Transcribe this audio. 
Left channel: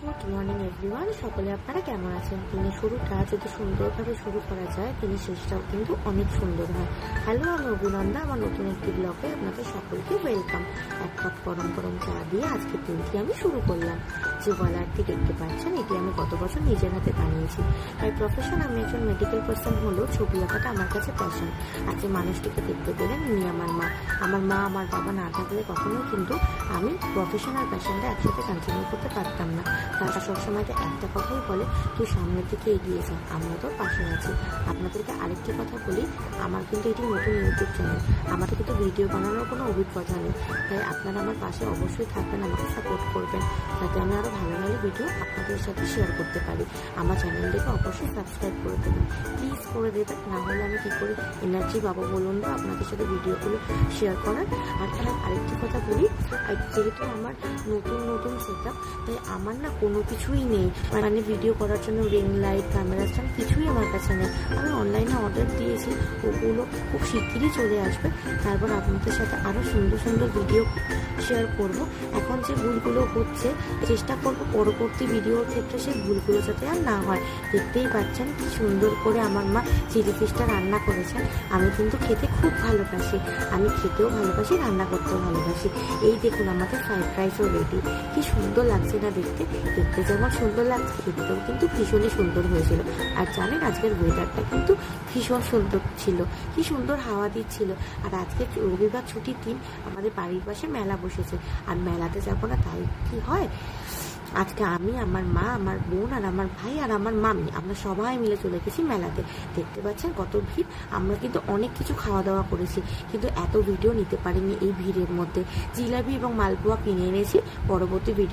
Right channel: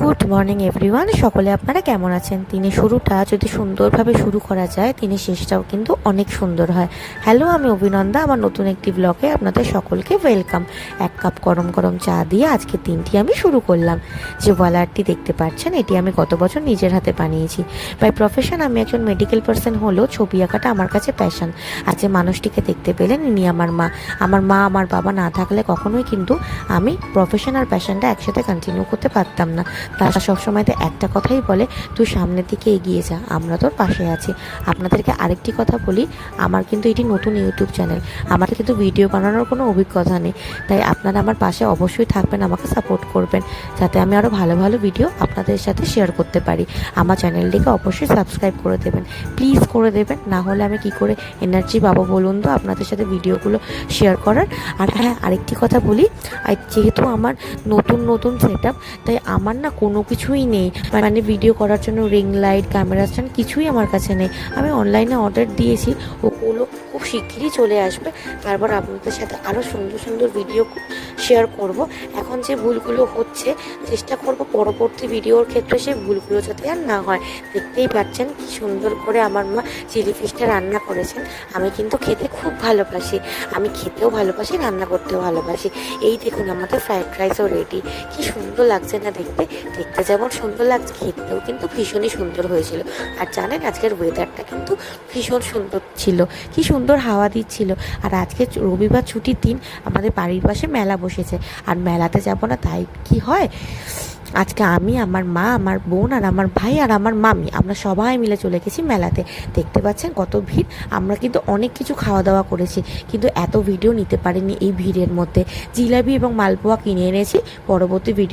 Good morning everyone, সকলে আপনারা কেমন আছেন? দিনের শুরুটা যদি সুন্দরভাবে শুরু করা যায়, দিনের শেষটাও কিন্তু অনেক সুন্দর হয়। হ্যালো, আমি অভিনন্দা। আমার নতুন একটি ব্লগে আপনাদের সকলকে ওয়েলকাম। এক কাপ গরম গরম চা দিয়ে আজকের দিনটি আমি শুরু করলাম। যে ওয়ালারটি দেখতে পাচ্ছেন, এটি আমি গত বছর নিজের হাতে বানিয়েছি। বাই প্রফেশন আমি একজন মেডিকেল পার্সন হলেও ছবি আঁকাটা আমার কাছে প্যাশন। আজ যে মানুষটিকে দেখতে পেলেন, ইনি আমার মা। আমার বাবা না থাকলে কখনোই কিন্তু আমি প্রফেশন আর প্যাশনটা একসাথে কন্টিনিউ করতে পারতাম না। তারা সবসময় তো একটা কথাই বলে, তুই সামনের দিকে এগিয়ে যা, আমরা তোর পাশে আছি। আপনাদেরকে আরেকটি কথা বলি, আমার কিন্তু এটি নতুন ইউটিউব চ্যানেল, আমার কিন্তু ভিডিও বানানোর কোনো অভিজ্ঞতা নেই। তাই আপনারা আমার পাশে অবশ্যই থাকবেন, আমাকে সাপোর্ট করবেন, যাতে আমি আরও ভালো ভালো ভিডিও আপনাদের সাথে শেয়ার করতে পারি। আমার চ্যানেলটিকে অবশ্যই সাবস্ক্রাইব করে দেবেন, প্লিজ করে দেবেন। না হলে আমি কি করে এনার্জি পাবো বলুন তো আপনাদের সাথে ভিডিওগুলো শেয়ার করার। আর হ্যাঁ, আরেকটি কথা বলি, যেহেতু আমার নতুন সেট আপ, তাই আমার না কোনো কিছুই নেই, মানে ভিডিও করার জন্য রিং লাইট, ক্যামেরা স্ট্যান্ড কিছুই আমার কাছে নেই। আমি অনলাইনে অর্ডার দিয়েছি, ওগুলো খুব শিগগিরই চলে আসবে। তারপর আপনাদের সাথে আরও সুন্দর সুন্দর ভিডিও শেয়ার করব। এখন যে ভুলগুলো হচ্ছে, চেষ্টা করব পরবর্তী ভিডিওর ক্ষেত্রে সেই ভুলগুলো যাতে আর না হয়। দেখতেই পাচ্ছেন কি সুন্দর করে আমার মা চিলি ফিশটা রান্না করেছেন। আমি কিন্তু খেতে খুব ভালোবাসি, আমি খেতেও ভালোবাসি, রান্না করতেও ভালোবাসি। এই দেখুন, আমাদের ফ্রাইড রাইসও রেডি। কি সুন্দর লাগছে না দেখতে? দেখতে যেমন সুন্দর লাগছে, খেতেও কিন্তু ভীষণই সুন্দর হয়েছিল। আর জানেন, আজকের ওয়েদারটা কিন্তু ভীষণ সুন্দর ছিল, কি সুন্দর হাওয়া দিচ্ছিল। আর আজকে রবিবার ছুটির দিন, আমাদের বাড়ির পাশে মেলা বসেছে। আর মেলাতে যাব না তাই কি হয়? আজকে আমি, আমার মা, আমার বোন আর আমার ভাই আর আমার মামি, আমরা সবাই মিলে চলে গেছি মেলাতে। দেখতে পাচ্ছেন কত ভিড়। আমরা কিন্তু অনেক কিছু খাওয়া দাওয়া করেছি, কিন্তু এত ভিডিও নিতে পারিনি এই ভিড়ের মধ্যে। জিলাপি এবং মালপোয়া কিনে এনেছি, পরবর্তী ভিডিও